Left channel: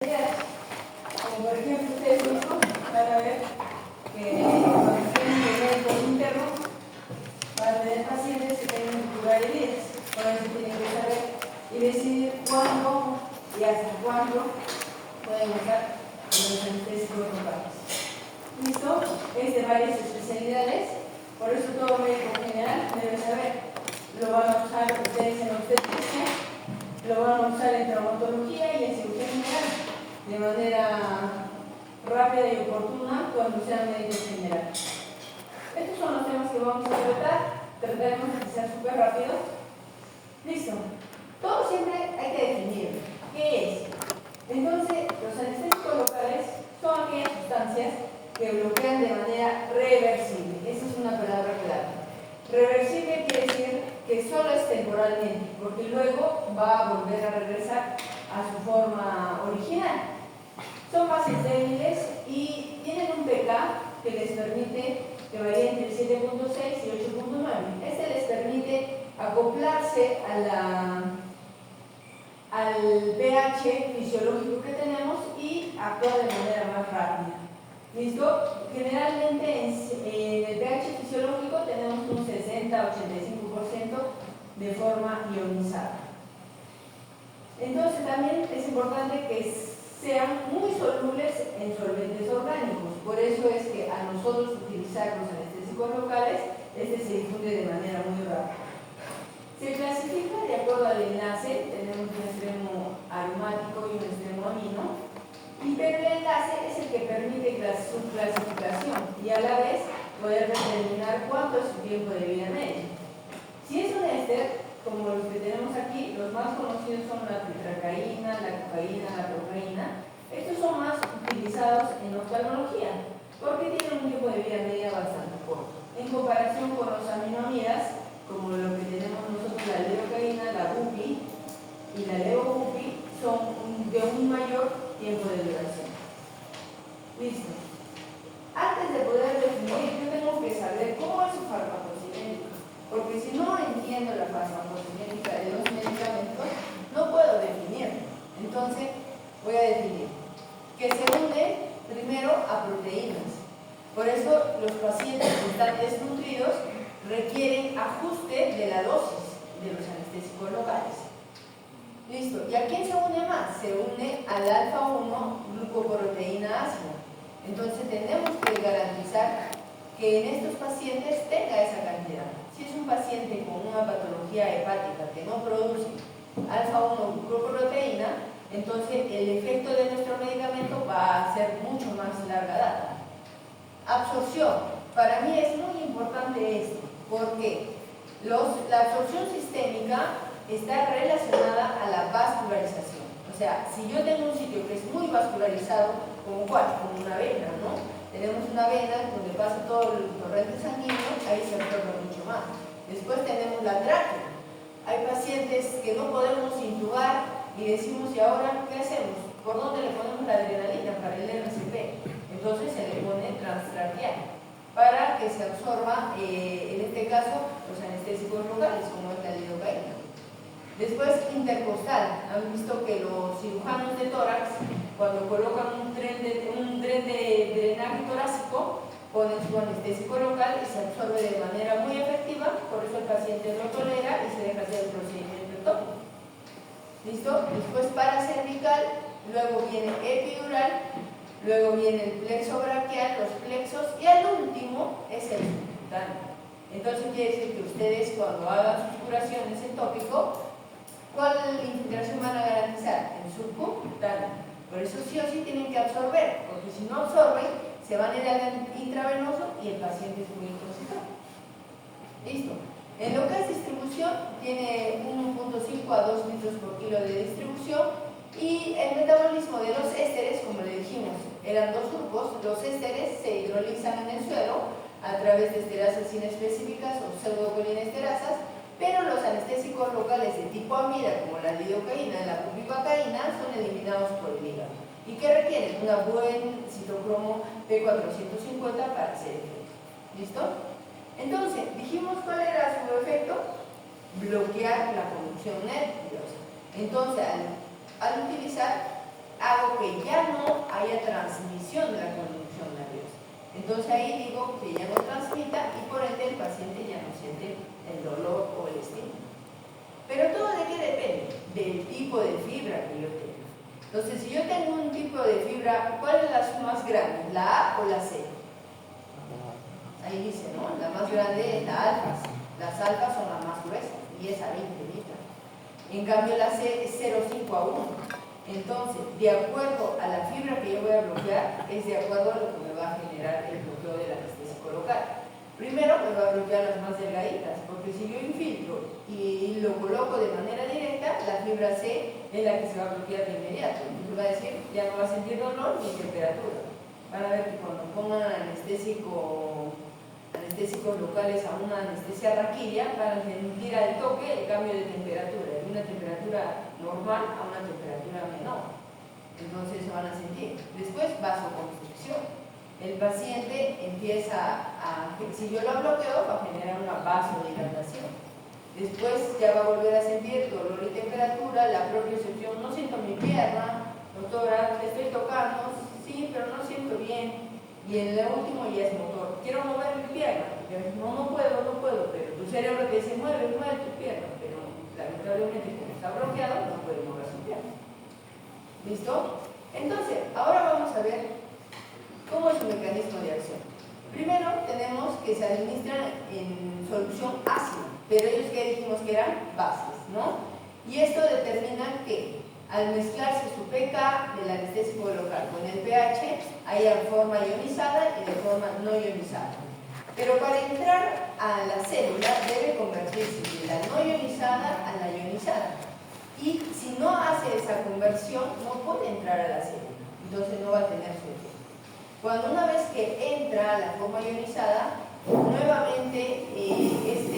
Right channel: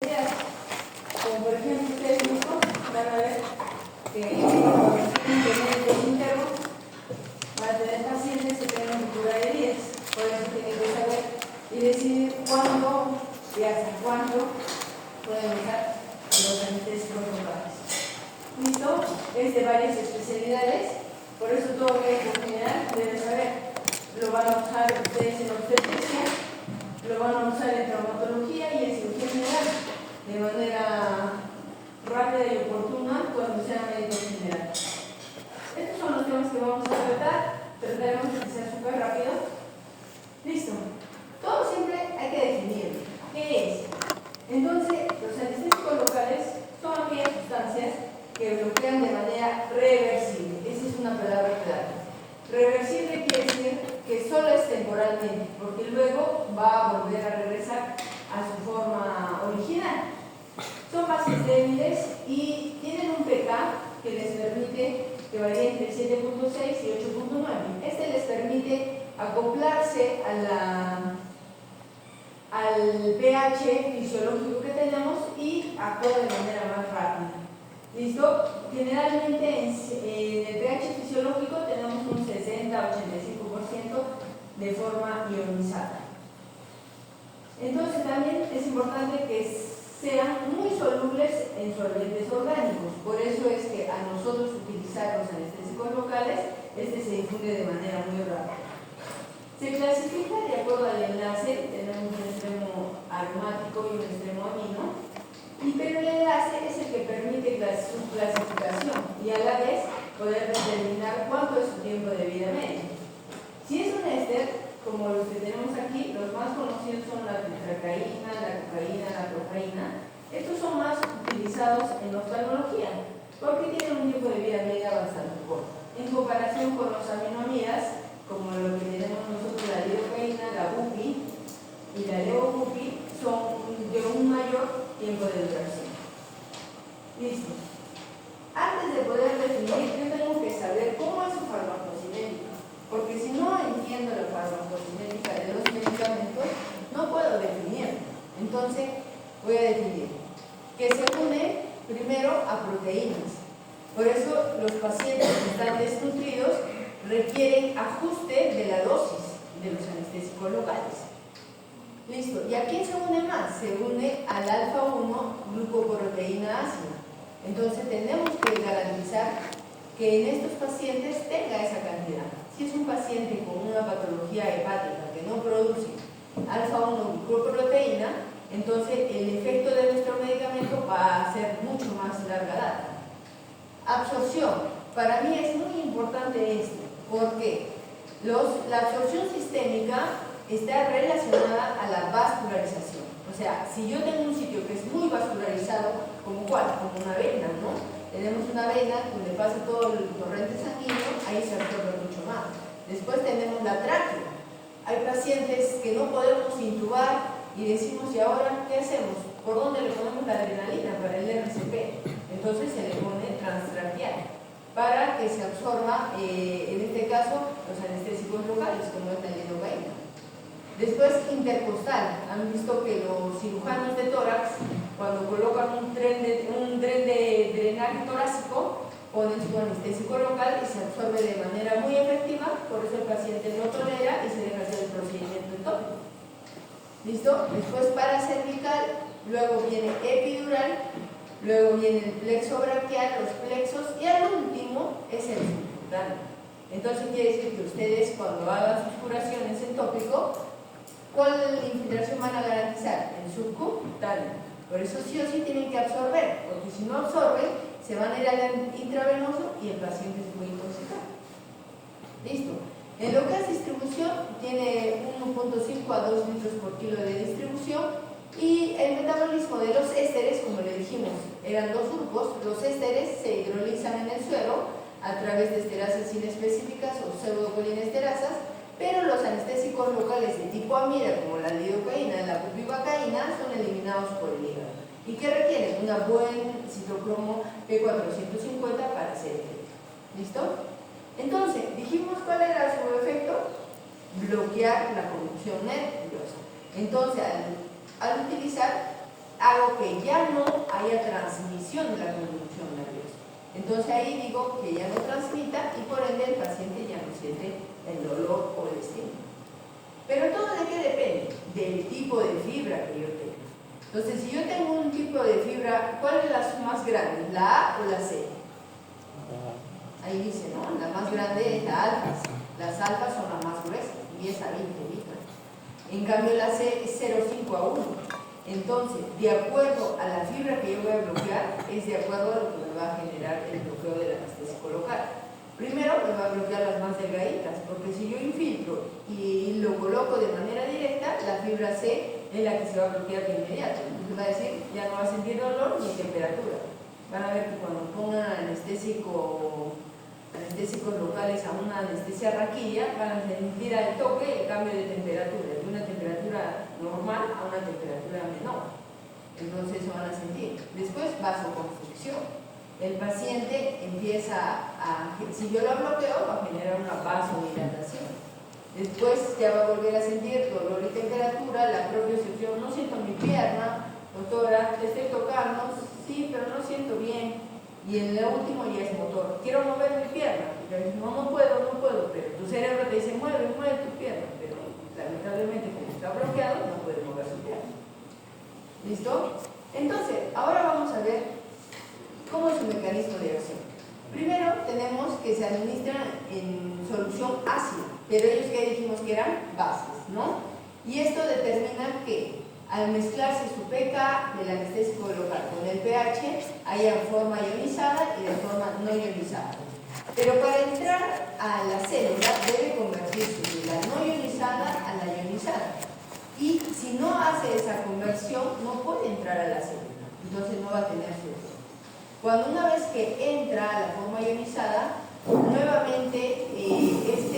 Como por ejemplo ustedes mismos van a ver que cuando tienen médicos internos van a tener pacientes que tienen ruptura de vías. Por eso tienen que saber y decidir cuándo y hasta cuándo pueden usar los anestésicos locales. ¿Listo? Es de varias especialidades, por eso todo médico general debe saber. Lo van a usar ustedes en obstetricia, lo van a usar en traumatología y en cirugía general, de manera rápida y oportuna cuando sean médicos generales. Estos son los temas que vamos a tratar. Trataremos de ser súper rápido. Listo. Todo siempre hay que definir qué es. Entonces, los anestésicos locales son aquellas sustancias que bloquean de manera reversible. Esa es una palabra clave. Reversible quiere decir que solo es temporalmente, porque luego va a volver a regresar a su forma original. Son bases débiles y tienen un pK que les permite que varíe entre 7.6 y 8.9. Este les permite acoplarse al pH fisiológico que tenemos y actuar de manera más rápida. ¿Listo? Generalmente en el pH fisiológico tenemos un 60-85% de forma ionizada. Entonces también es importante que sean muy solubles en solventes orgánicos. Por eso es que a nosotros utilizar los anestésicos locales, este se difunde de manera muy rápida. Se clasifica de acuerdo al enlace, tenemos un extremo aromático y un extremo amino, pero el enlace es el que permite su clasificación y a la vez poder determinar cuánto es su tiempo de vida medio. Si es un éster, como los que tenemos aquí, los más conocidos son la tetracaína, la cocaína, la procaína. Estos son más utilizados en oftalmología porque tienen un tiempo de vida media bastante corto. En comparación con los aminamidas, como lo que tenemos nosotros, la lidocaína, la bupi y la levobupi, son de un mayor tiempo de duración. Listo. Antes de poder definir, yo tengo que saber cómo es su farmacocinética, porque si no entiendo la farmacocinética de los medicamentos, no puedo definir. Entonces, voy a definir que se une primero a proteínas. Por eso, los pacientes que están desnutridos requieren ajuste de la dosis de los anestésicos locales. Listo. ¿Y a quién se une más? Se une al alfa-1 glucoproteína ácida. Entonces tenemos que garantizar que en estos pacientes tenga esa cantidad. Si es un paciente con una patología hepática que no produce alfa-1 glucoproteína, entonces el efecto de nuestro medicamento va a ser mucho más larga data. Absorción. Para mí es muy importante esto, porque la absorción sistémica está relacionada a la vascularización. O sea, si yo tengo un sitio que es muy vascularizado, ¿como cuál? Como una vena, ¿no? Tenemos una vena donde pasa todo el torrente sanguíneo, ahí se absorbe mucho más. Después tenemos la tráquea. Hay pacientes que no podemos intubar y decimos, ¿y ahora qué hacemos? ¿Por dónde le ponemos la adrenalina para el RCP? Entonces se le pone transtraqueal para que se absorba, en este caso, los anestésicos locales, como es la lidocaína. Después, intercostal. Han visto que los cirujanos de tórax, cuando colocan un tren de drenaje torácico, ponen su anestésico local y se absorbe de manera muy efectiva, por eso el paciente lo tolera y se deja hacer el procedimiento tópico. ¿Listo? Después, paracervical, luego viene epidural, luego viene el plexo braquial, los plexos, y al último es el subcutáneo. Entonces quiere decir que ustedes, cuando hagan sus curaciones en tópico, ¿cuál infiltración van a garantizar? El subcutáneo. Por eso sí o sí tienen que absorber, porque si no absorben, se van a ir al intravenoso y el paciente es muy intoxicado. Listo. En lo que es distribución, tiene 1.5 a 2 litros por kilo de distribución, y el metabolismo de los ésteres, como le dijimos, eran dos grupos. Los ésteres se hidrolizan en el suero a través de esterasas inespecíficas o pseudocolinesterasas, pero los anestésicos locales de tipo amida, como la lidocaína y la bupivacaína, son eliminados por el hígado y que requieren una buen citocromo P450 para hacer efecto. ¿Listo? Entonces, dijimos cuál era su efecto: bloquear la conducción nerviosa. Entonces, al utilizar hago que ya no haya transmisión de la conducción nerviosa. Entonces ahí digo que ya no transmita y por ende el paciente ya no siente el dolor o el estímulo. Pero todo de qué depende? Del tipo de fibra que yo tengo. Entonces, si yo tengo un tipo de fibra, ¿cuál es la más grande? ¿La A o la C? Ahí dice, ¿no? La más grande es la alfa. Las alfas son las más gruesas, 10 a 20 micras. En cambio, la C es 0,5 a 1. Entonces, de acuerdo a la fibra que yo voy a bloquear, es de acuerdo a lo que me va a generar el bloqueo del anestésico local. Primero me va a bloquear las más delgaditas, porque si yo infiltro y lo coloco de manera directa, la fibra C es la que se va a bloquear de inmediato. Entonces va a decir, ya no va a sentir dolor ni temperatura. Van a ver que cuando pongan anestésicos locales a una anestesia raquilla, van a sentir al toque el cambio de temperatura, de una temperatura normal a una temperatura menor. Entonces eso van a sentir. Después, vasoconstricción. El paciente empieza si yo lo bloqueo, va a generar una vasodilatación. Después ya va a volver a sentir dolor y temperatura, la propiocepción, no siento mi pierna, doctora, te estoy tocando, sí, pero no siento bien. Y en el último ya es motor, quiero mover mi pierna, porque no puedo, pero tu cerebro te dice, mueve tu pierna, pero lamentablemente como está bloqueado, no puede mover su pierna. ¿Listo? Entonces, ahora vamos a ver ¿cómo es su mecanismo de acción? Primero tenemos que se administran en solución ácida, pero ellos que dijimos que eran bases, ¿no? Y esto determina que al mezclarse su pK del anestésico local con el pH, haya forma ionizada y de forma no ionizada. Pero para entrar a la célula debe convertirse de la no ionizada a la ionizada. Y si no hace esa conversión, no puede entrar a la célula, entonces no va a tener su efecto. Cuando una vez que entra a la forma ionizada, nuevamente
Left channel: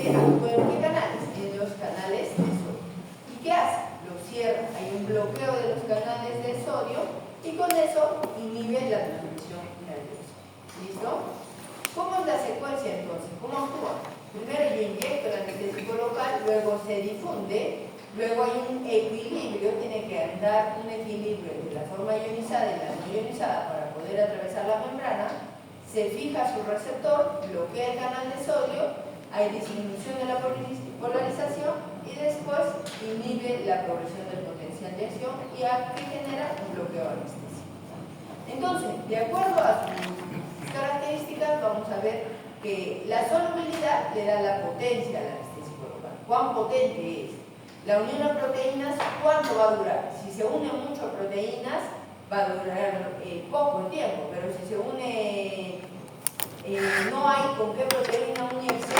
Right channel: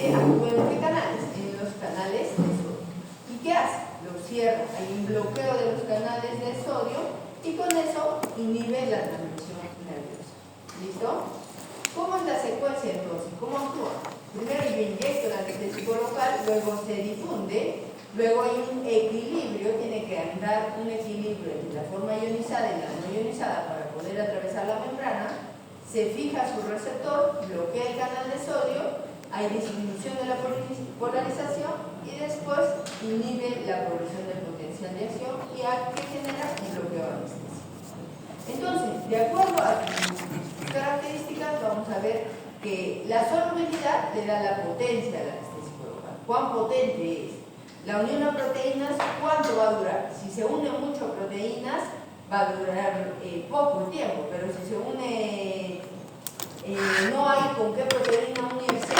actúa en los canales de sodio. ¿Y qué hace? Lo cierra, hay un bloqueo de los canales de sodio y con eso inhibe la transmisión nerviosa. ¿Listo? ¿Cómo es la secuencia entonces? ¿Cómo actúa? Primero yo inyecto el anestésico local, luego se difunde, luego hay un equilibrio, tiene que andar un equilibrio entre la forma ionizada y la no ionizada para poder atravesar la membrana, se fija su receptor, bloquea el canal de sodio, hay disminución de la polarización y después inhibe la progresión del potencial de acción y aquí genera un bloqueo anestésico. Entonces, de acuerdo a sus características, vamos a ver que la solubilidad le da la potencia al anestésico local. ¿Cuán potente es? La unión a proteínas, ¿cuánto va a durar? Si se une mucho a proteínas, va a durar poco tiempo, pero si se une, no hay con qué proteína unirse,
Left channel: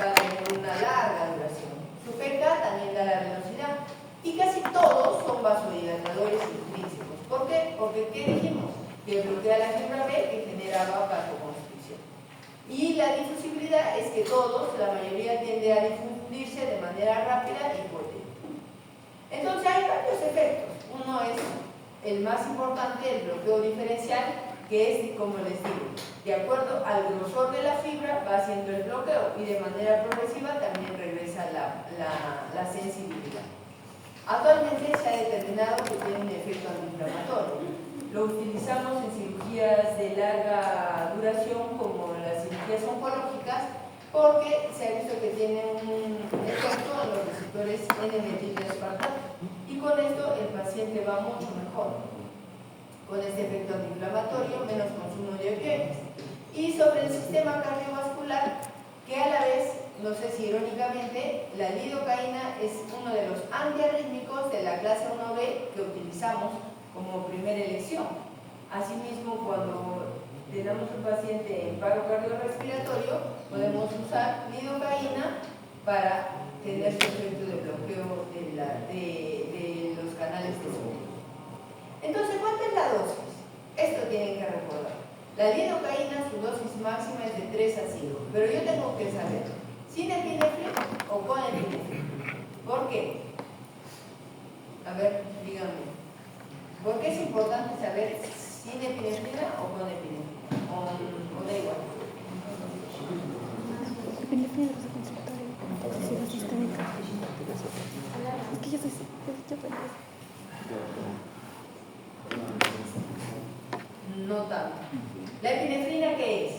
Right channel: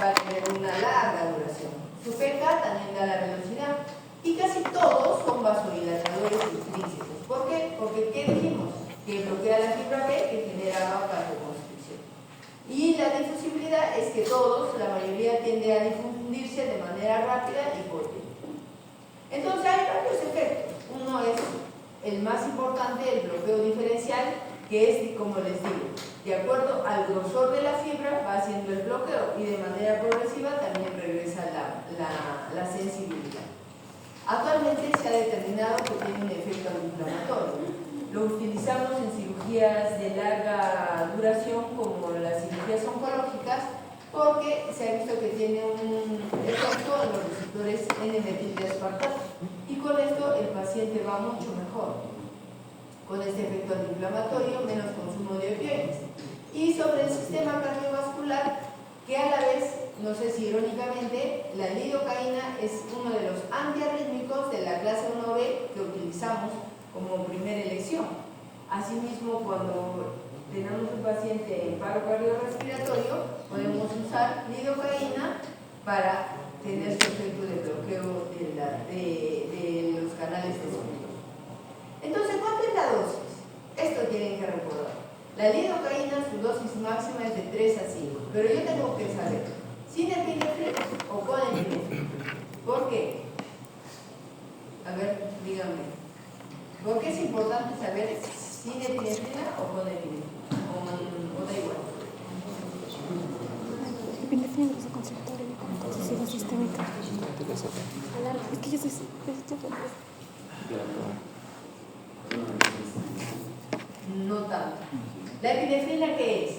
va a tener una larga duración. Su pK también da la velocidad y casi todos son vasodilatadores intrínsecos. ¿Por qué? Porque ¿qué dijimos? Que bloquea la fibra B que generaba vasoconstricción. Y la difusibilidad es que todos, la mayoría tiende a difundirse de manera rápida y potente. Entonces hay varios efectos. Uno es el más importante, el bloqueo diferencial, que es, como les digo, de acuerdo al grosor de la fibra va haciendo el bloqueo y de manera progresiva también regresa la sensibilidad. Actualmente se ha determinado que tiene un efecto antiinflamatorio. Lo utilizamos en cirugías de larga duración como las cirugías oncológicas porque se ha visto que tiene un efecto en los receptores N-metildeaspartato y con esto el paciente va mucho mejor con este efecto antiinflamatorio, menos consumo de opioides. Y sobre el sistema cardiovascular, que a la vez, no sé si irónicamente, la lidocaína es uno de los antiarrítmicos de la clase 1B que utilizamos como primera elección. Asimismo, cuando tenemos un paciente en paro cardiorrespiratorio, podemos usar lidocaína para tener su efecto de bloqueo de los canales de sodio. Entonces, ¿cuánto es la dosis? Esto tienen que recordar. La lidocaína, su dosis máxima es de 3 a 5, pero yo tengo que saber, ¿sin epinefrina o con epinefrina? ¿Por qué? A ver, díganme. ¿Por qué es importante saber sin epinefrina o con epinefrina? ¿O da igual? Epinefrina es consultorio con toxicidad sistémica. Es que yo soy ¿La epinefrina qué es?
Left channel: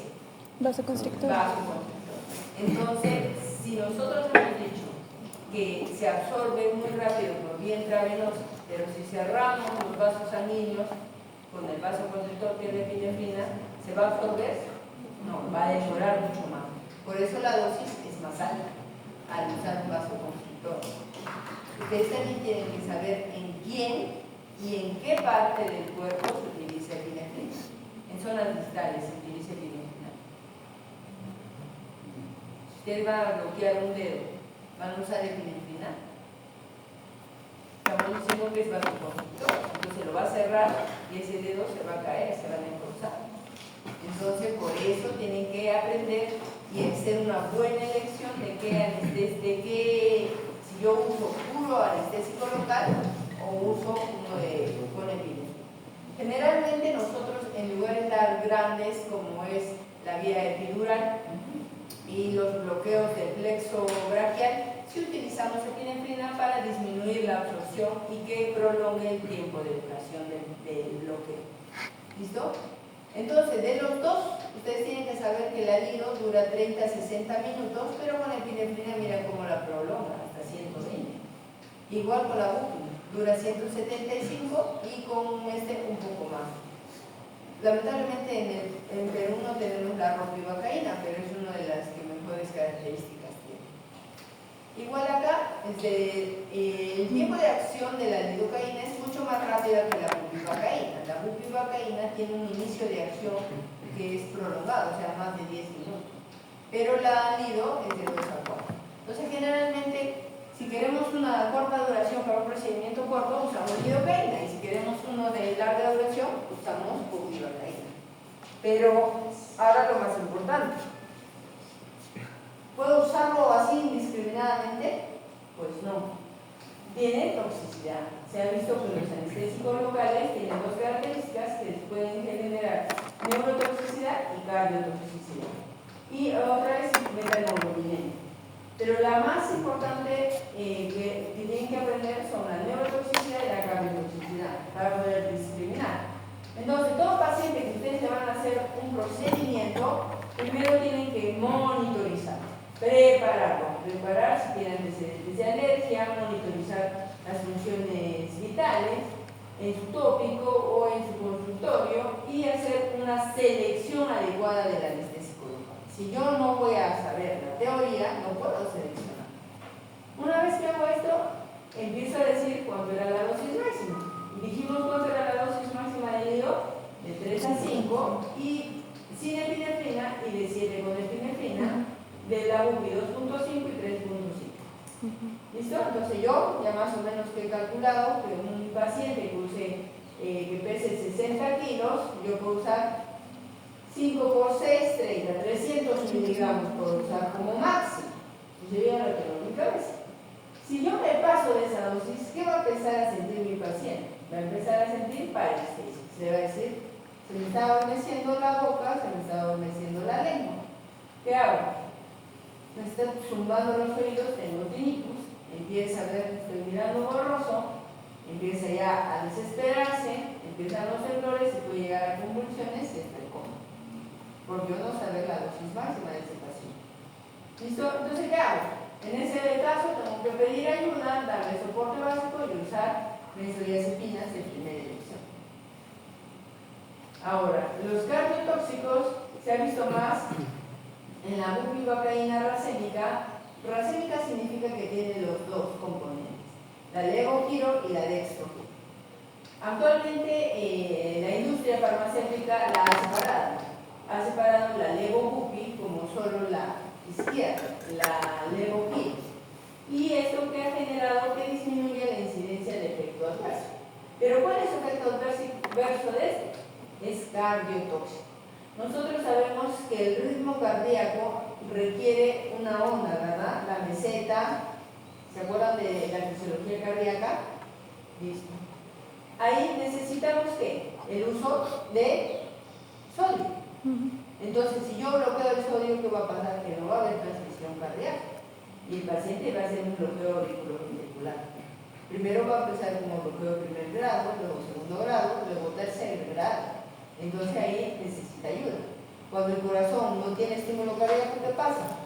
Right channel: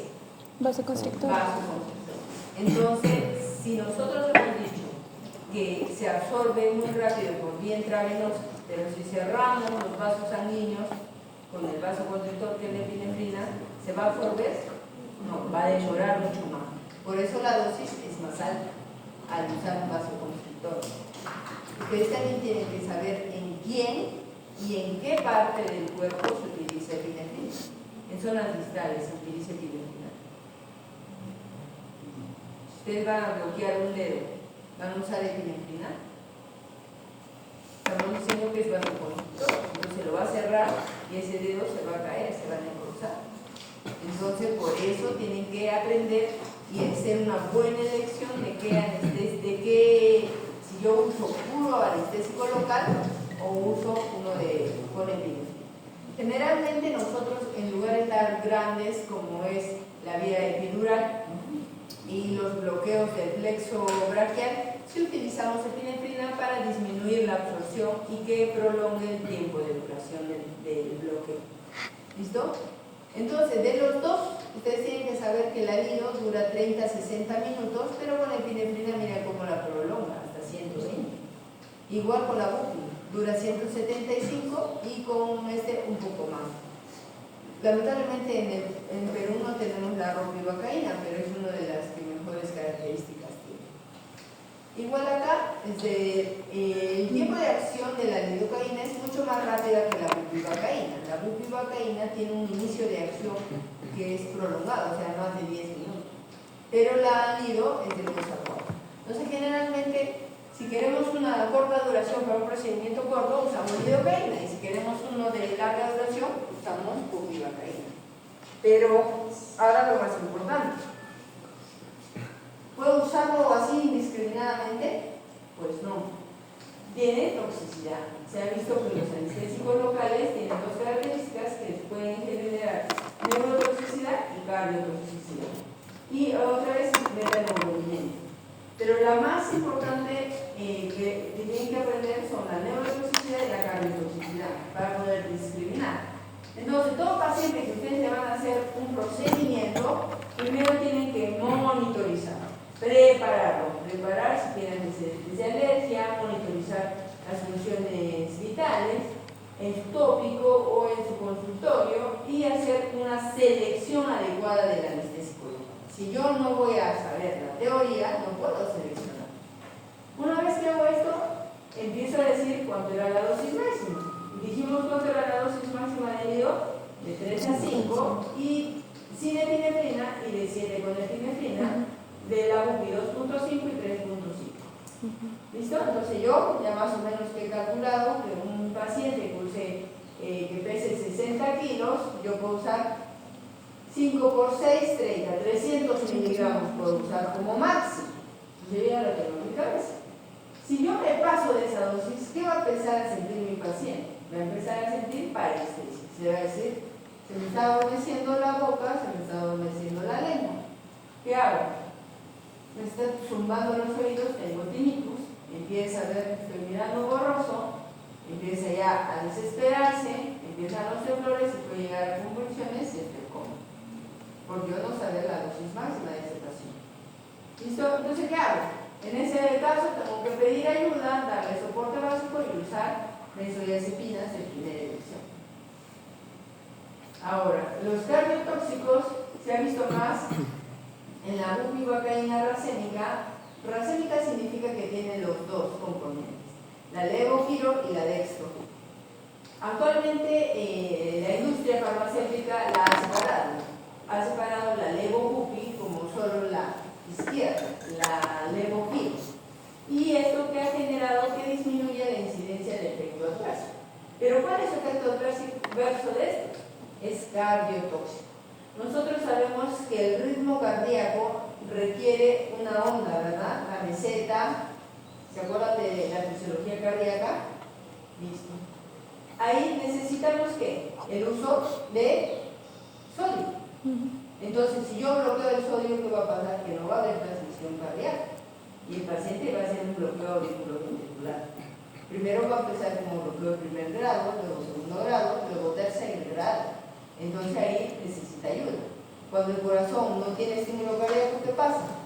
Vasoconstrictor. Vasoconstrictor. Entonces, si nosotros hemos dicho que se absorbe muy rápido por vía intravenosa, pero si cerramos los vasos sanguíneos con el vasoconstrictor que es la epinefrina, ¿se va a absorber? No, va a demorar mucho más. Por eso la dosis es más alta al usar un vasoconstrictor. Ustedes también tienen que saber en quién y en qué parte del cuerpo se utiliza epinefrina. En zonas distales se utiliza epinefrina. Si ustedes van a bloquear un dedo, ¿van a usar epinefrina? Estamos diciendo que es vasoconstrictor, entonces lo va a cerrar y ese dedo se va a caer, se va a necrosar. Entonces, por eso tienen que aprender y hacer una buena elección de qué, si yo uso puro anestésico local o uso uno con epinefrina. Generalmente nosotros, en lugares tan grandes como es la vía epidural y los bloqueos del plexo braquial, si utilizamos epinefrina para disminuir la absorción y que prolongue el tiempo de duración del bloqueo. ¿Listo? Entonces, de los dos, ustedes tienen que saber que el alilo dura 30 a 60 minutos, pero con la epinefrina mira cómo la prolonga, hasta 120. Igual con la bupi, dura 175 y con este un poco más. Lamentablemente en Perú no tenemos la ropivacaína, pero es una de las que mejores características tiene. Igual acá, el tiempo de acción de la lidocaína es mucho más rápida que la bupivacaína. La bupivacaína tiene un inicio de acción que es prolongado, o sea, más de 10 minutos. Pero la lido es de 2 a 4. Entonces, generalmente, si queremos una corta duración para un procedimiento corto, usamos lidocaína. Y si queremos uno de larga duración, usamos bupivacaína. Pero ahora lo más importante. ¿Puedo usarlo así indiscriminadamente? Pues no. Tiene toxicidad. Se ha visto que los anestésicos locales tienen dos características que pueden generar neurotoxicidad y cardiotoxicidad. Y otra vez beta-neurogénica. Pero la más importante que tienen que aprender son la neurotoxicidad y la cardiotoxicidad para poder discriminar. Entonces, todo paciente que ustedes le van a hacer un procedimiento, primero tienen que monitorizar. Preparar si tienen antecedentes de alergia, monitorizar las funciones vitales en su tópico o en su consultorio y hacer una selección adecuada del anestésico local. Si yo no voy a saber la teoría, no puedo seleccionar. Una vez que hago esto, empiezo a decir cuánto era la dosis máxima. Dijimos cuánto era la dosis máxima del lido, de 3 a 5, y sin epinefrina y de 7 con epinefrina, de la bupi 2.5 y 3.5. ¿Listo? Entonces yo ya más o menos que he calculado que un paciente que pese 60 kilos, yo puedo usar 5 por 6, 30, 300 miligramos puedo usar como máximo. Yo ya lo tengo en mi cabeza. Si yo me paso de esa dosis, ¿qué va a empezar a sentir mi paciente? Va a empezar a sentir parálisis. Se va a decir, se me está adormeciendo la boca, se me está adormeciendo la lengua. ¿Qué hago? Me está zumbando los oídos, tengo tinnitus, empieza a ver, estoy mirando borroso, empieza ya a desesperarse, empiezan los temblores, se puede llegar a convulsiones y estoy cómodo. Por yo no saber la dosis máxima de ese paciente. ¿Listo? Entonces, ¿qué hago? En ese caso tengo que pedir ayuda, darle soporte básico y usar benzodiazepinas de primera elección. Ahora, los cardiotóxicos se ha visto más en la bupivacaína racémica. Racémica significa que tiene los dos componentes, la levogiro y la dextrogiro. Actualmente la industria farmacéutica la ha separado la levobupi como solo la izquierda, la levogiro. Y esto que ha generado que disminuye la incidencia del efecto adverso. Pero ¿cuál es el efecto adverso de esto? Es cardiotóxico. Nosotros sabemos que el ritmo cardíaco requiere una onda, ¿verdad? La meseta, ¿se acuerdan de la fisiología cardíaca? Listo. Ahí necesitamos ¿qué? El uso de sodio. Entonces, si yo bloqueo el sodio, ¿qué va a pasar? Que no va a haber transmisión cardíaca. Y el paciente va a hacer un bloqueo auriculoventricular. Primero va a empezar como bloqueo de primer grado, luego segundo grado, luego tercer grado. Entonces ahí necesita ayuda. Cuando el corazón no tiene estímulo cardíaco, ¿qué pasa?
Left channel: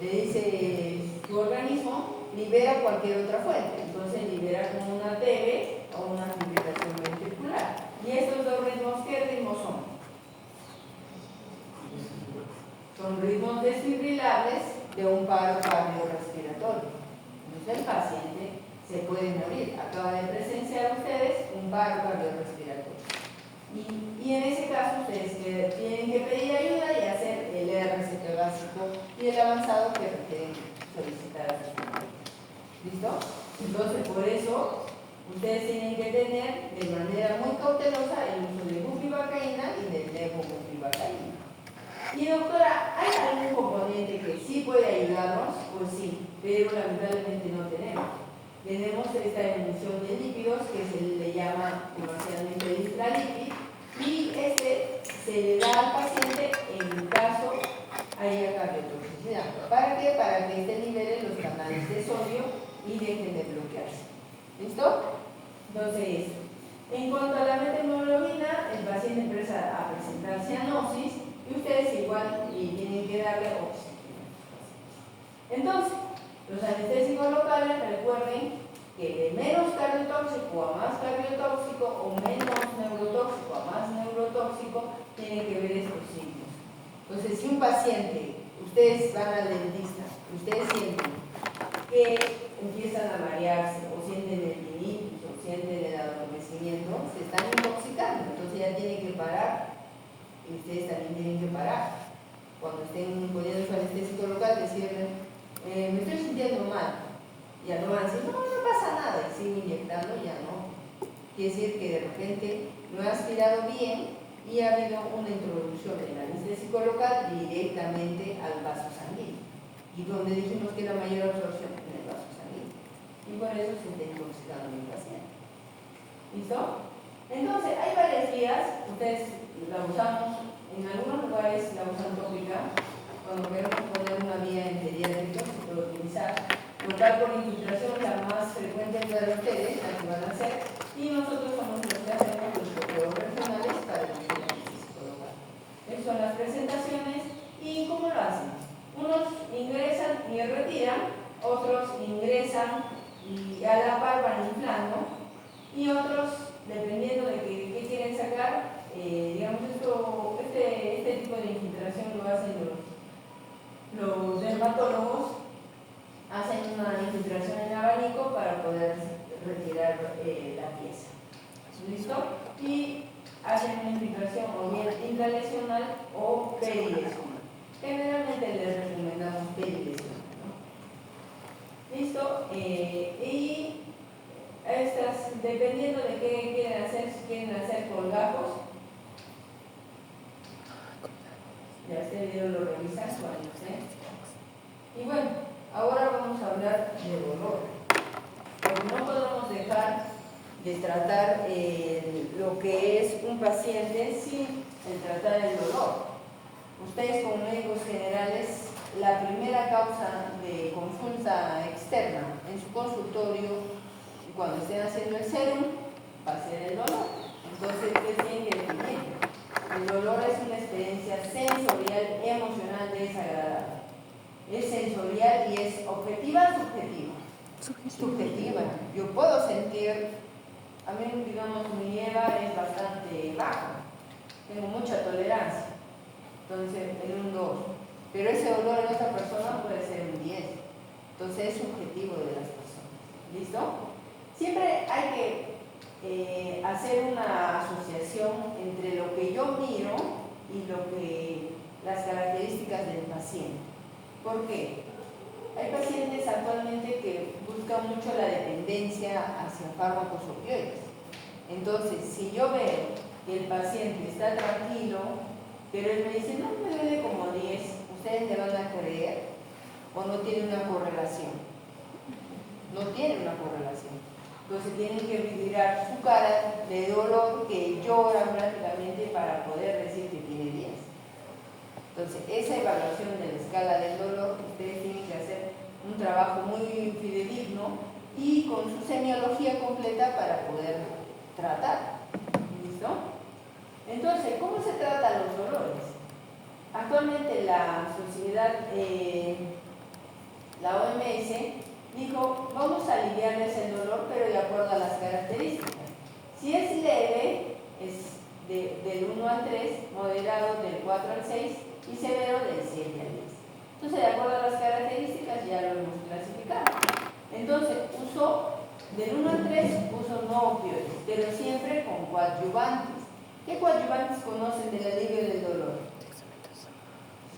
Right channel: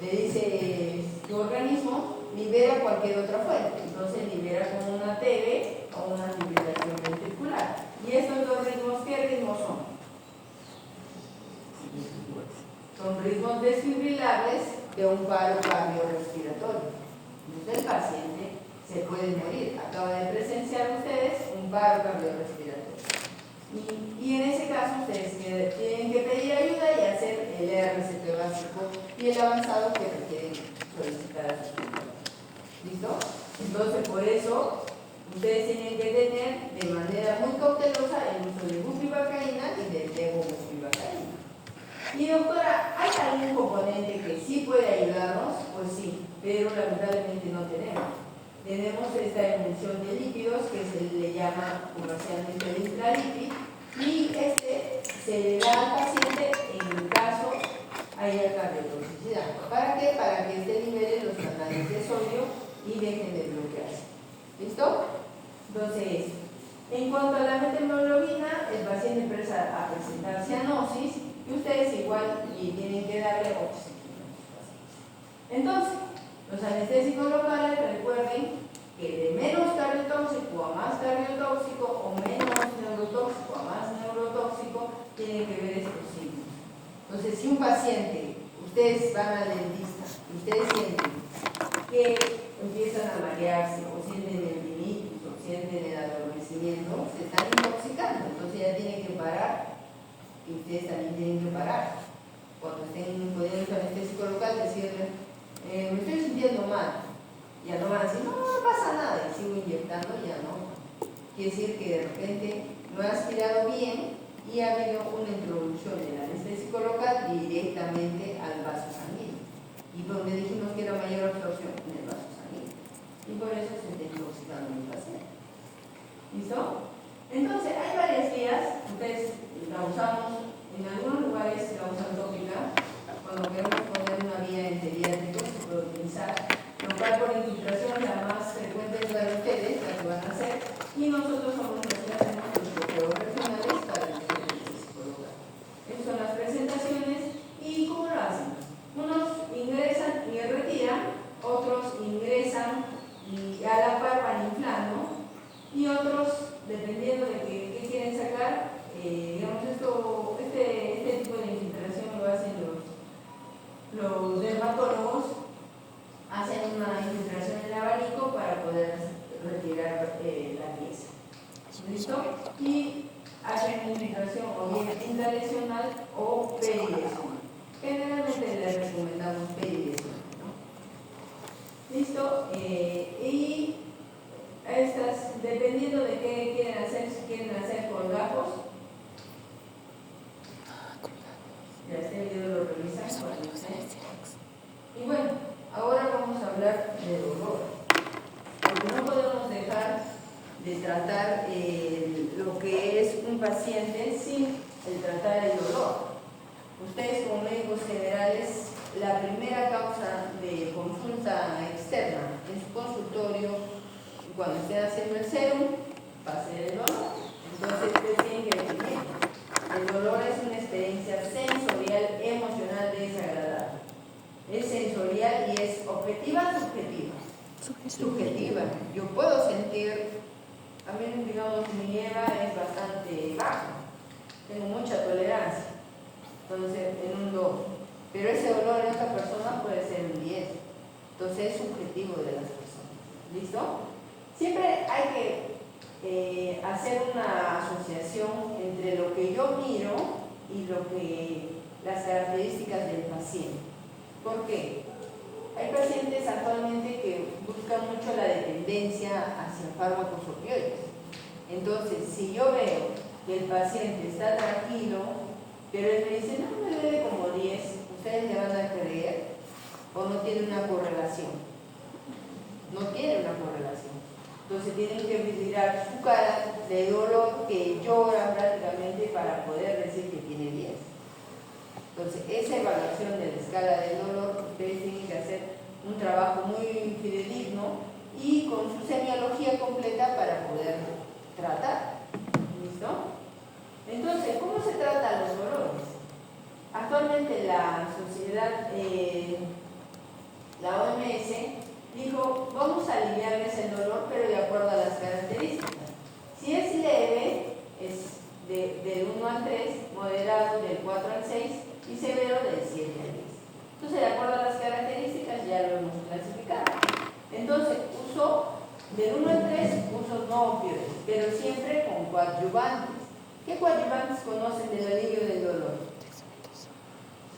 Le dice tu organismo, libera cualquier otra fuente. Entonces libera como una TB o una fibrilación ventricular. ¿Y estos dos ritmos qué ritmos son? Son ritmos desfibrilables de un paro cardiorrespiratorio. Entonces el paciente se puede morir. Acaban de presenciar ustedes un paro cardiorrespiratorio. Y en ese caso ustedes tienen que pedir ayuda y hacer el RCP básico y el avanzado que requieren solicitar a sus compañeros. ¿Listo? Entonces por eso ustedes tienen que tener de manera muy cautelosa el uso de bupivacaína y de levobupivacaína. Y doctora, ¿hay algún componente que sí puede ayudarnos? Pues sí, pero lamentablemente no tenemos. Tenemos esta emulsión de lípidos que se le llama comercialmente litralipid y este se le da al paciente en caso haya cardiotoxicidad. ¿Para qué? Para que este libere los canales de sodio y dejen de bloquearse. ¿Listo? Entonces, en cuanto a la methemoglobina, el paciente empieza a presentar cianosis y ustedes igual tienen que darle oxígeno. Entonces, los anestésicos locales, recuerden que de menos cardiotóxico a más cardiotóxico o menos neurotóxico a más neurotóxico tienen que ver estos signos. Entonces, si un paciente, ustedes van al dentista y ustedes sienten que empiezan a marearse o sienten el tinnitus o sienten el adormecimiento, se están intoxicando, entonces ya tienen que parar y ustedes también tienen que parar. Cuando estén poniendo su anestésico local, decirle, me estoy sintiendo mal. Ya no van a decir, no pasa nada, y sigo inyectando, ya no. Quiere decir que de repente no he aspirado bien y ha habido una introducción del anestésico local directamente al vaso sanguíneo. Y donde dijimos que era mayor absorción en el vaso sanguíneo. Y por eso se está intoxicando mi paciente. ¿Listo? Entonces, hay varias vías. Ustedes la usamos, en algunos lugares la usan tópica. Cuando queremos poner una vía en geriátrico, se puede utilizar. Local por infiltración es la más frecuente de ustedes, la que van a hacer. Y nosotros somos los que hacemos los bloqueos regionales para el anestésico local. Estas son las presentaciones. ¿Y cómo lo hacen? Unos ingresan y retiran, otros ingresan y a la par van inflando, y otros, dependiendo de qué quieren sacar, digamos este tipo de infiltración lo hacen los dermatólogos, hacen una infiltración en abanico para poder retirar la pieza. ¿Listo? Y hacen una infiltración o bien intralesional o perilesional. Generalmente les recomendamos perilesional, ¿no? ¿Listo? Y estas, dependiendo de qué quieren hacer, si quieren hacer colgajos, ya este video lo revisan cuando ustedes. Y bueno, ahora vamos a hablar de dolor, porque no podemos dejar de tratar lo que es un paciente sin el tratar el dolor. Ustedes como médicos generales, la primera causa de consulta externa en su consultorio, cuando estén haciendo el serum, va a ser el dolor. Entonces ustedes tienen que definir. El dolor es una experiencia sensorial, emocional, desagradable. Es sensorial y es objetiva, subjetiva. Yo puedo sentir, a mí, digamos, mi EVA es bastante baja, tengo mucha tolerancia, entonces en un 2, pero ese dolor en otra persona puede ser un 10, entonces es subjetivo de las personas. ¿Listo? Siempre hay que hacer una asociación entre lo que yo miro y las características del paciente. ¿Por qué? Hay pacientes actualmente que buscan mucho la dependencia hacia fármacos opioides. Entonces, si yo veo que el paciente está tranquilo, pero él me dice, no, me duele como 10, ¿ustedes le van a creer? ¿O no tiene una correlación? No tiene una correlación. Entonces tienen que mirar su cara de dolor que llora prácticamente para poder decir que tiene 10. Entonces, esa evaluación de la escala del dolor, ustedes tienen que hacer un trabajo muy fidedigno y con su semiología completa para poder tratar. ¿Listo? Entonces, Entonces, ¿cómo se trata los dolores? Actualmente la sociedad, la OMS, dijo, vamos a aliviarles el dolor, pero de acuerdo a las características. Si es leve, es del 1 al 3, moderado del 4 al 6 y severo del 7 al 10. Entonces, de acuerdo a las características, ya lo hemos clasificado. Entonces, del 1 al 3, uso no opioides, pero siempre con coadyuvantes. ¿Qué coadyuvantes conocen del alivio del dolor?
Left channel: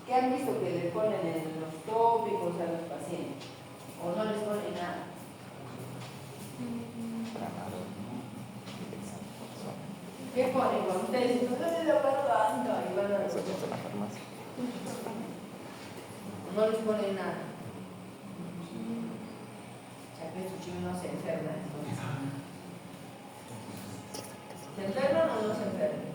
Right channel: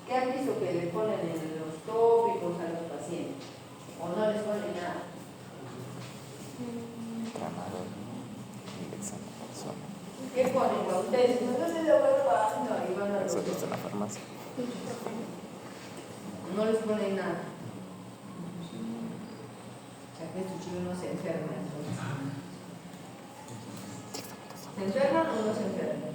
¿Qué han visto que le ponen en los tópicos a los pacientes? ¿O no les ponen nada? ¿Qué ponen? Cuando ustedes dicen, no se logra tanto, y van a la farmacia. No les ponen nada. O sea que estos chicos no se enferman. ¿Se enferman o no se enferman?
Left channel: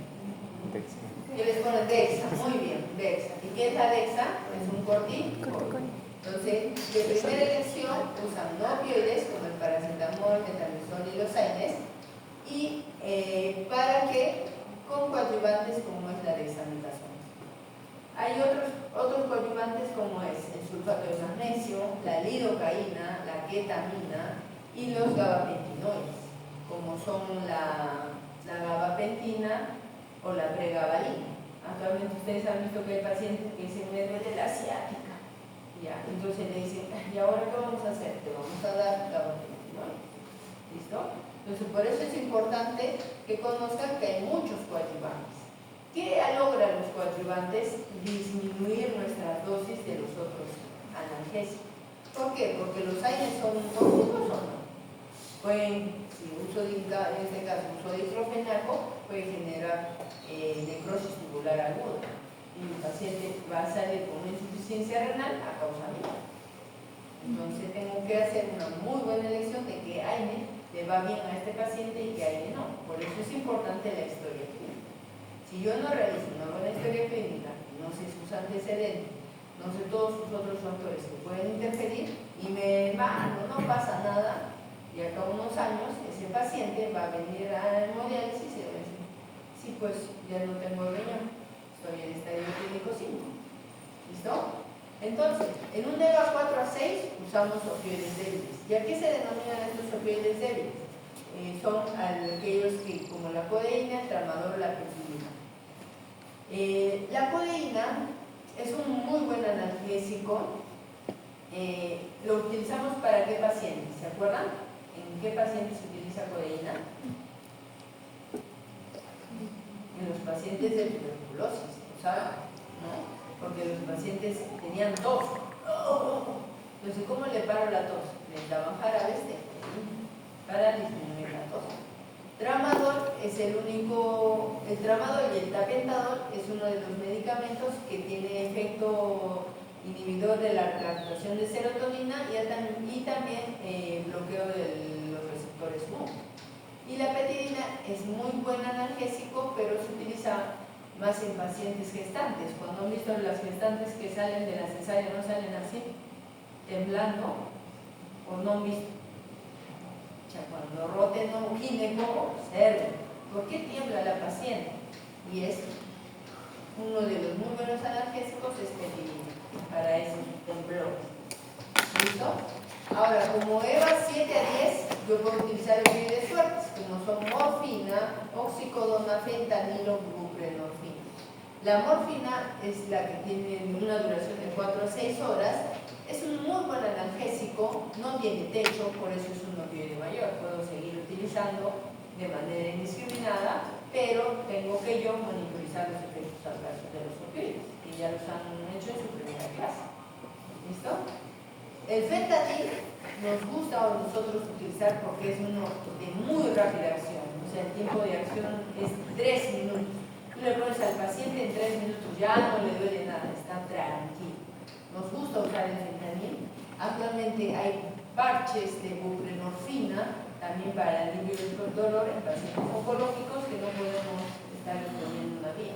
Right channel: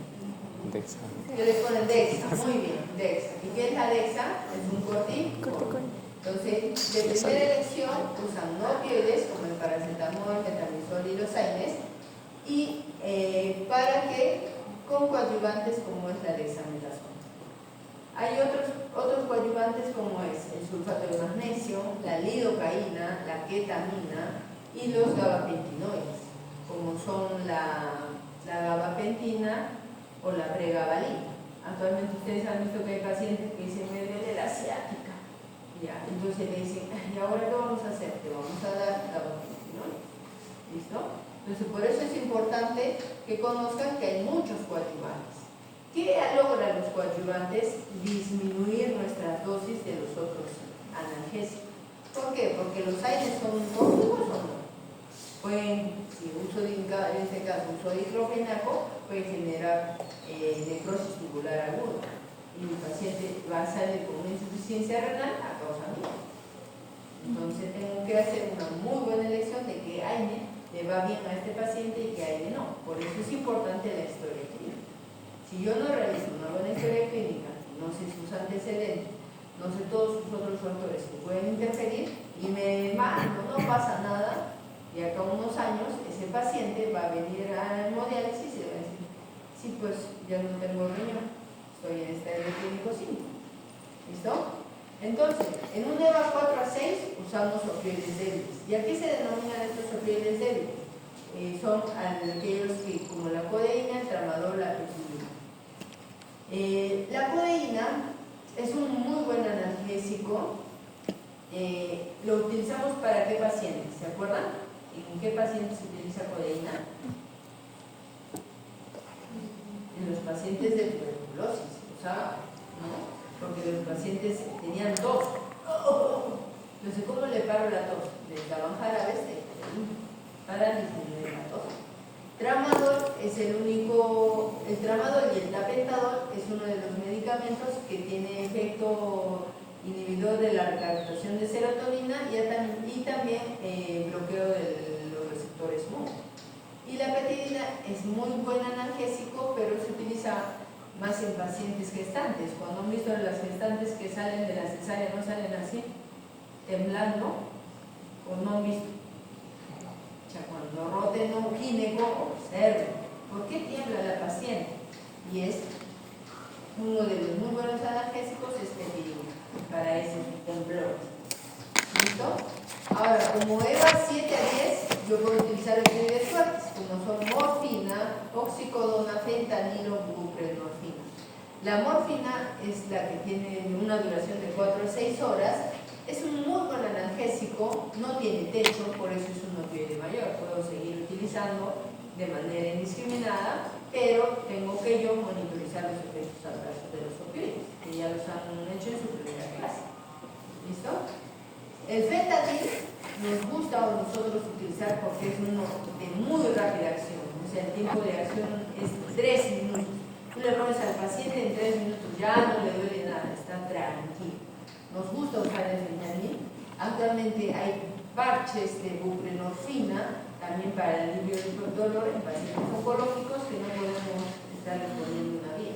Dexa. ¿Qué les ponen? Dexa. Muy bien, Dexa. ¿Y qué es la Dexa? Es un corticoide. Entonces, de primera elección usan no opioides como el paracetamol, metamizol y los AINES, y para que con coadyuvantes como es la dexametasona. Hay otros coadyuvantes como es el sulfato de magnesio, la lidocaína, la ketamina y los gabapentinoides, como son la gabapentina o la pregabalina. Actualmente ustedes han visto que hay pacientes que se me duele la ciática. Ya, entonces le dicen, ¿y ahora qué vamos a hacer? Te vamos a dar gabapentinoides. ¿Listo? Entonces, por eso es importante que conozcan que hay muchos coadyuvantes. ¿Qué logran los coadyuvantes? Disminuir nuestras dosis de los otros analgésicos. ¿Por qué? Porque los AINES son tóxicos o no. Pueden, si en este caso uso diclofenaco, puede generar necrosis tubular aguda y el paciente va a salir con una insuficiencia renal a causa mía. Entonces tengo que hacer una muy buena elección de qué AINE le va bien a este paciente y qué AINE no. Por eso es importante la historia clínica. Si yo no realizo una buena historia clínica, no sé sus antecedentes, no sé todos sus otros factores que pueden interferir y me mando, no pasa nada, y acá unos años ese paciente va a venir a hemodiálisis y va a decir, sí, pues ya no tengo riñón, estoy en estadio clínico 5. ¿Listo? Entonces, en un EVA 4 a 6 usamos opioides débiles. ¿Y a qué se denominan estos opioides débiles? Son aquellos que, como la codeína, el tramadol, la peptidina. La codeína es un muy buen analgésico. Lo utilizamos para qué pacientes, ¿se acuerdan? ¿En qué pacientes se utiliza codeína? En los pacientes de tuberculosis, ¿no? Porque los pacientes tenían tos. Entonces, ¿cómo le paro la tos? Les daban jarabes de codeína para disminuir la tos. Tramadol es el tramadol y el tapentadol es uno de los medicamentos que tiene efecto inhibidor de la recaptación de serotonina y también bloqueo de los receptores MU. Y la peptidina es muy buen analgésico, pero se utiliza más en pacientes gestantes. Cuando han visto las gestantes que salen de la cesárea, no salen así, temblando, o no han visto. O sea, cuando roten un gineco, observen. ¿Por qué tiembla la paciente? Y es uno de los muy buenos analgésicos, es peptidina, para ese temblor. ¿Listo? Ahora, como EVA 7 a 10, yo puedo utilizar opioides fuertes, como son morfina, oxicodona, fentanilo, buprenorfina. La morfina es la que tiene una duración de 4 a 6 horas, es un muy buen analgésico, no tiene techo, por eso es un opioide mayor. Puedo seguir utilizando de manera indiscriminada, pero tengo que yo monitorizar los efectos adversos de los opioides, que ya los han hecho en su primera clase. ¿Listo? El fentanil nos gusta a nosotros utilizar porque es uno de muy rápida acción, o sea, el tiempo de acción es 3 minutos. Tú le pones al paciente en 3 minutos, ya no le duele nada, está tranquilo. Nos gusta usar el fentanil. Actualmente hay parches de buprenorfina también para el alivio del dolor en pacientes oncológicos que no podemos estar poniendo una vía.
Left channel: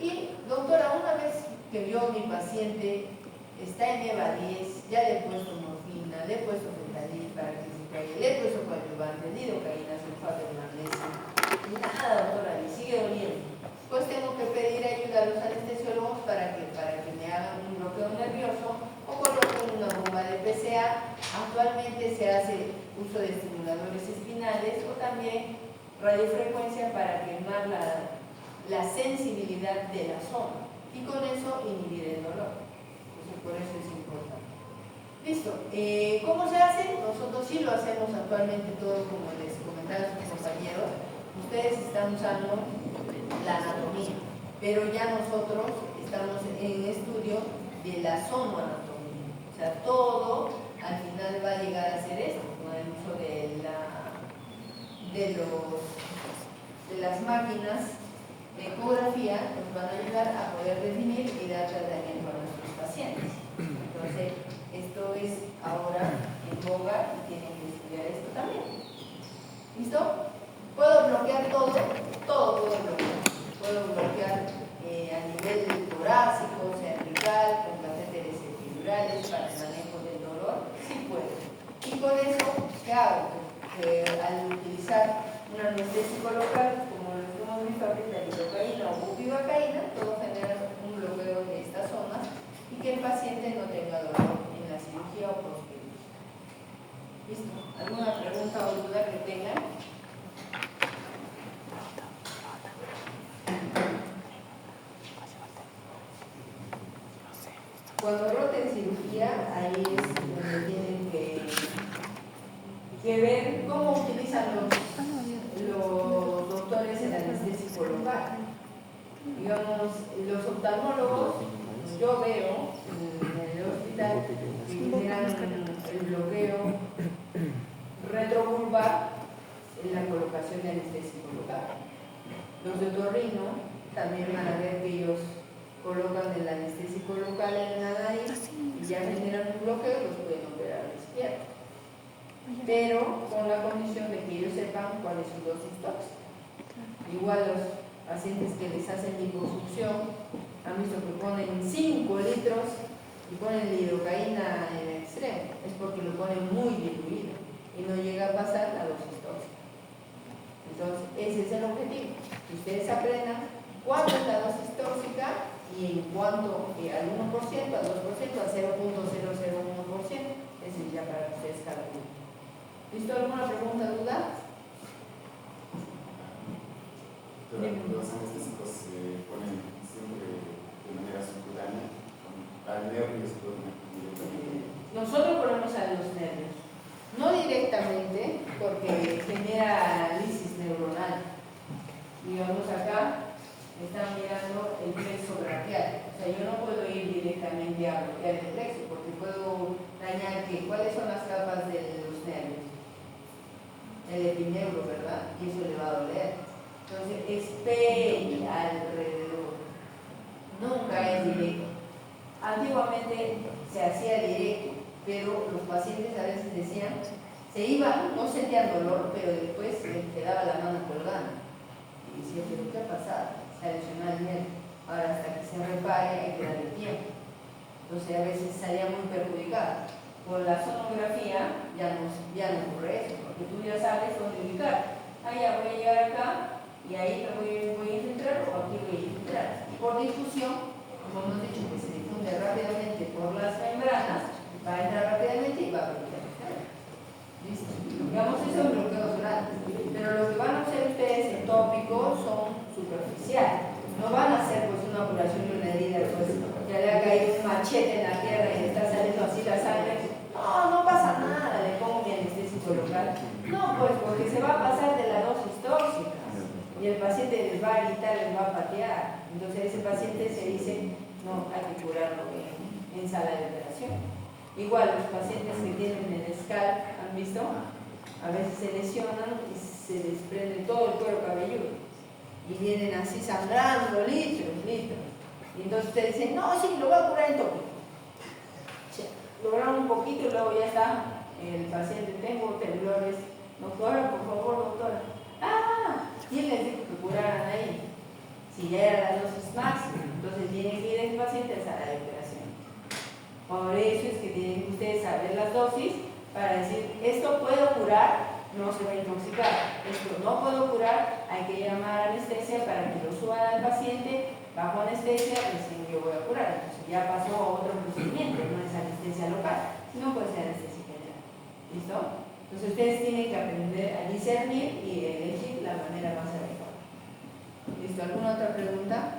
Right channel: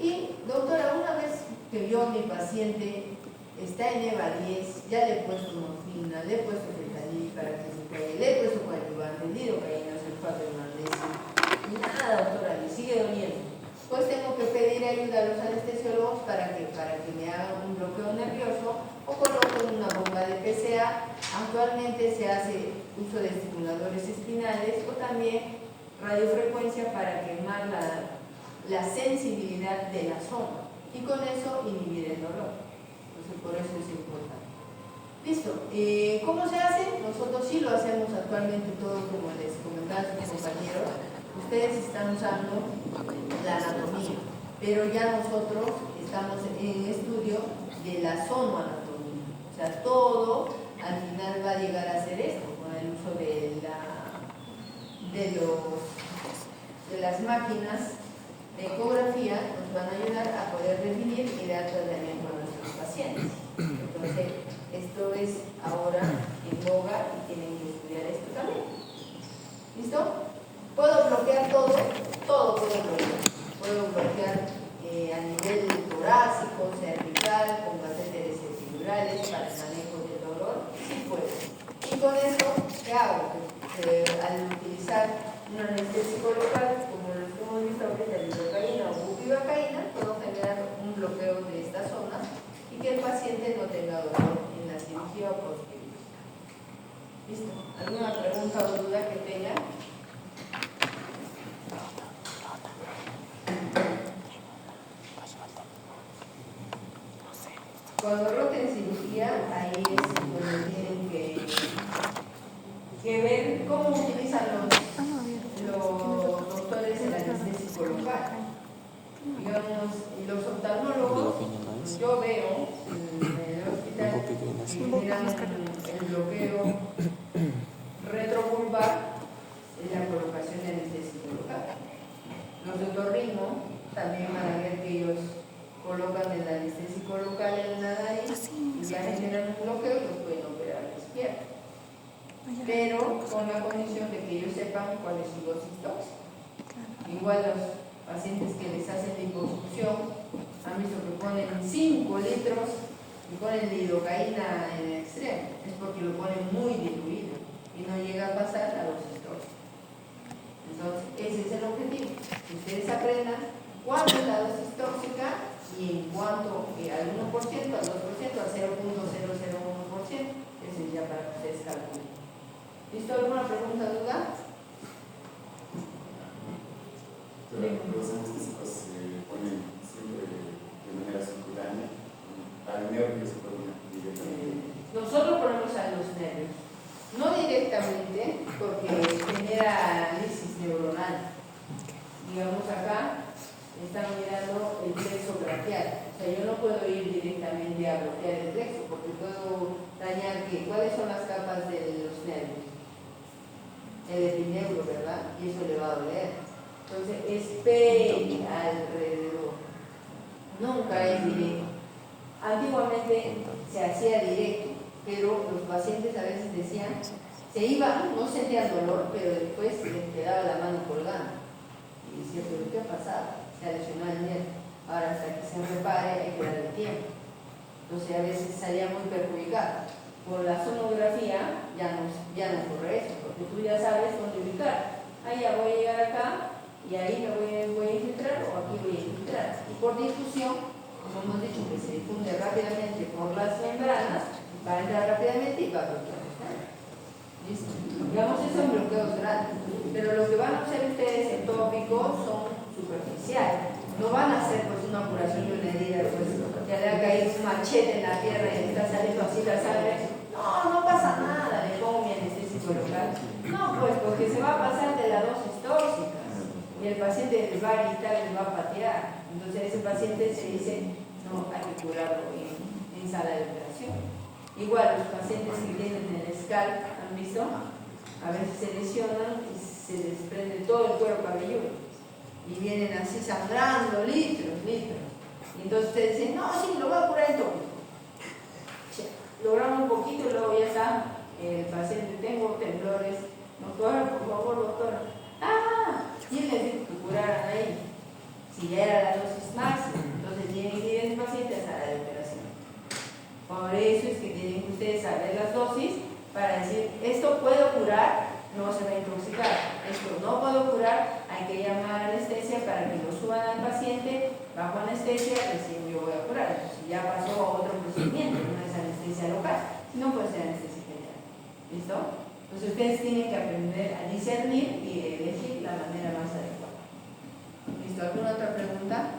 Y, doctora, una vez que yo, mi paciente, está en EVA 10, ya le he puesto morfina, le he puesto fentanil para que se caiga, le he puesto coadyuvante, lidocaína, sulfato de magnesio, y nada, doctora, le sigue doliendo. uso de estimuladores espinales o también radiofrecuencia para quemar la sensibilidad de la zona y con eso inhibir el dolor. Entonces, por eso es importante. Listo. ¿Cómo se hace? Nosotros sí lo hacemos actualmente todo como les comentaban sus compañeros. Ustedes están usando la anatomía, pero ya nosotros estamos en estudio de la zonoanatomía. O sea, todo al final va a llegar a ser esto, con el uso de las máquinas de ecografía nos van a ayudar a poder definir y dar tratamiento a nuestros pacientes. Entonces, esto es ahora en boga y tienen que estudiar esto también. ¿Listo? ¿Puedo bloquear todo? Todo puedo bloquear. Puedo bloquear a nivel torácico, cervical, con catéteres epidurales para el manejo del dolor. Sí puedo. Y con eso, ¿qué hago? Al utilizar un anestésico local, como lo que hemos visto ahorita, lidocaína o bupivacaína, puedo generar un bloqueo de esta zona y que el paciente no tenga dolor en la cirugía o posterior. ¿Listo? ¿Alguna pregunta o duda que tengan? Cuando roten cirugía, ahí es donde tienen que ver cómo utilizan los doctores el anestésico local. Digamos, los oftalmólogos, yo veo en el hospital que generan el bloqueo retrovulvar en la colocación de anestésico local. Los de otorrino también van a ver que ellos colocan el anestésico local en la nariz y ya generan un bloqueo, pues pueden operar la izquierda. Pero con la condición de que ellos sepan cuál es su dosis tóxica. Igual los pacientes que les hacen liposucción han visto que ponen 5 litros y ponen lidocaína en el extremo, es porque lo ponen muy diluido y no llega a pasar la dosis tóxica. Entonces, ese es el objetivo, que ustedes aprendan cuál es la dosis tóxica y en cuanto al 1%, al 2%, al 0.001%, ese es ya para que ustedes calculen. ¿Listo? ¿Alguna pregunta, duda? Los anestésicos se ponen siempre de manera subcutánea, al nervio se ponen directamente. Nosotros ponemos a los nervios, no directamente porque genera lisis neuronal. Digamos acá, están mirando el plexo braquial. O sea, yo no puedo ir directamente a bloquear el plexo porque puedo dañar ¿cuáles son las capas de los nervios? El epineuro, ¿verdad? Y eso le va a doler. Entonces, es peri alrededor. Nunca es directo. Antiguamente se hacía directo, pero los pacientes a veces decían, se iban, no sentían dolor, pero después les quedaba la mano colgando. Y decía, ¿pero qué ha pasado? Se ha lesionado el nervio. Ahora, hasta que se repare, hay que darle tiempo. Entonces, a veces salía muy perjudicado. Por la sonografía ya no ocurre eso, porque tú ya sabes dónde ubicar. Ya voy a llegar acá y ahí lo voy a infiltrar o aquí voy a infiltrar. Y por difusión, como hemos dicho, que se difunde rápidamente por las membranas, va a entrar rápidamente y va a bloquear los nervios. ¿Listo? Digamos, eso en bloqueos grandes. Pero lo que van a hacer ustedes en tópicos son superficiales. No van a hacer pues una curación y una herida, pues que le ha caído un machete en la tierra y está saliendo así la sangre. No pasa nada, le pongo mi anestésico local. No, pues porque se va a pasar de la dosis tóxica y el paciente les va a gritar, les va a patear. Entonces ese paciente se dice, no, hay que curarlo en sala de operación. Igual los pacientes que tienen el scalp, ¿han visto? A veces se lesionan y se desprende todo el cuero cabelludo y vienen así sangrando litros. Y entonces ustedes dicen, no, sí, lo voy a curar en tópico. Logran un poquito y luego ya está el paciente, tengo temblores, doctora, por favor, doctora. ¿Quién les dijo que curaran ahí? Si ya era la dosis máxima, entonces tienen que ir a ese paciente a la operación. Por eso es que tienen que ustedes saber las dosis para decir, esto puedo curar, no se va a intoxicar. Esto no puedo curar, hay que llamar a anestesia para que lo suban al paciente, bajo anestesia, recién yo voy a curar. Entonces ya pasó a otro procedimiento, no es anestesia local, sino puede ser anestesia general. ¿Listo? Entonces ustedes tienen que aprender a discernir y elegir la manera más adecuada. ¿Listo? ¿Alguna otra pregunta?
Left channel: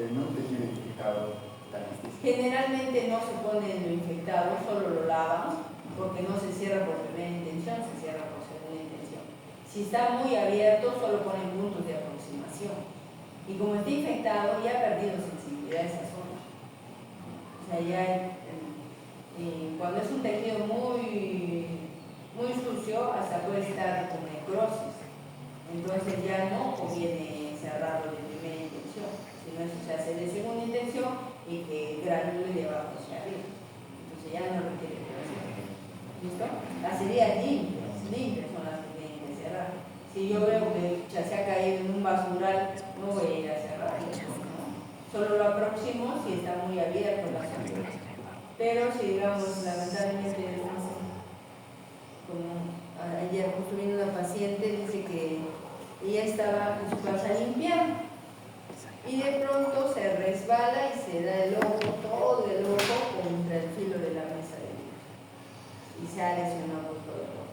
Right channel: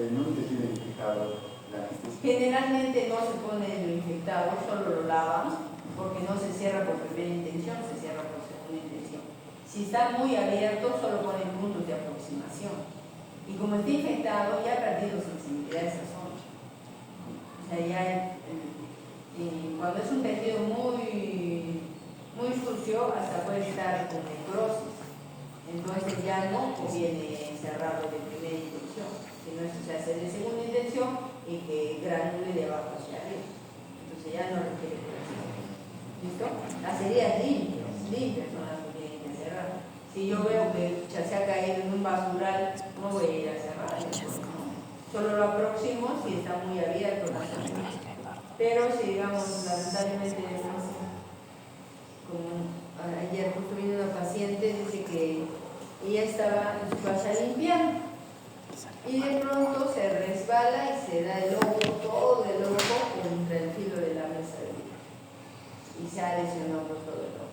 No te tiene identificado la anestesia. Generalmente no se pone en lo infectado, solo lo lavan, porque no se cierra por primera intención, se cierra por segunda intención. Si está muy abierto, solo ponen puntos de aproximación. Y como está infectado, ya ha perdido sensibilidad a esa zona. O sea, ya cuando es un tejido muy sucio, hasta puede estar con necrosis. Entonces ya no viene cerrado de primera intención, sino eso se hace de segunda intención y que granule de abajo hacia arriba. Entonces ya no requiere operación. ¿Listo? Las heridas limpias son las que tienen que cerrar. Si yo veo que ya se ha caído en un basural, no voy a ir a cerrar. ¿No? Solo lo aproximo si está muy abierto la zona. Pero si, digamos, lamentablemente, no sé, como ayer justo vino una paciente, dice que ella estaba en su casa limpiando y de pronto se resbala y se da el ojo, todo el ojo contra el filo de la mesa de billar y se ha lesionado por todo el ojo.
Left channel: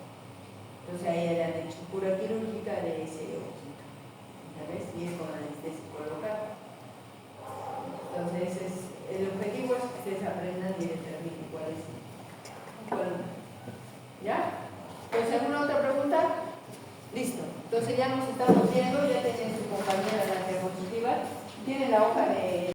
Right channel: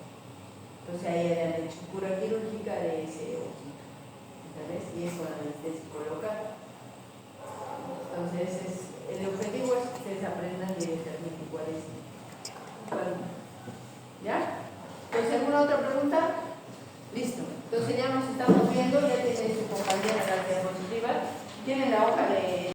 Entonces a ella le han hecho cura quirúrgica de ese ojo, ¿sabes? Y es con anestesia local. Entonces el objetivo es que ustedes aprendan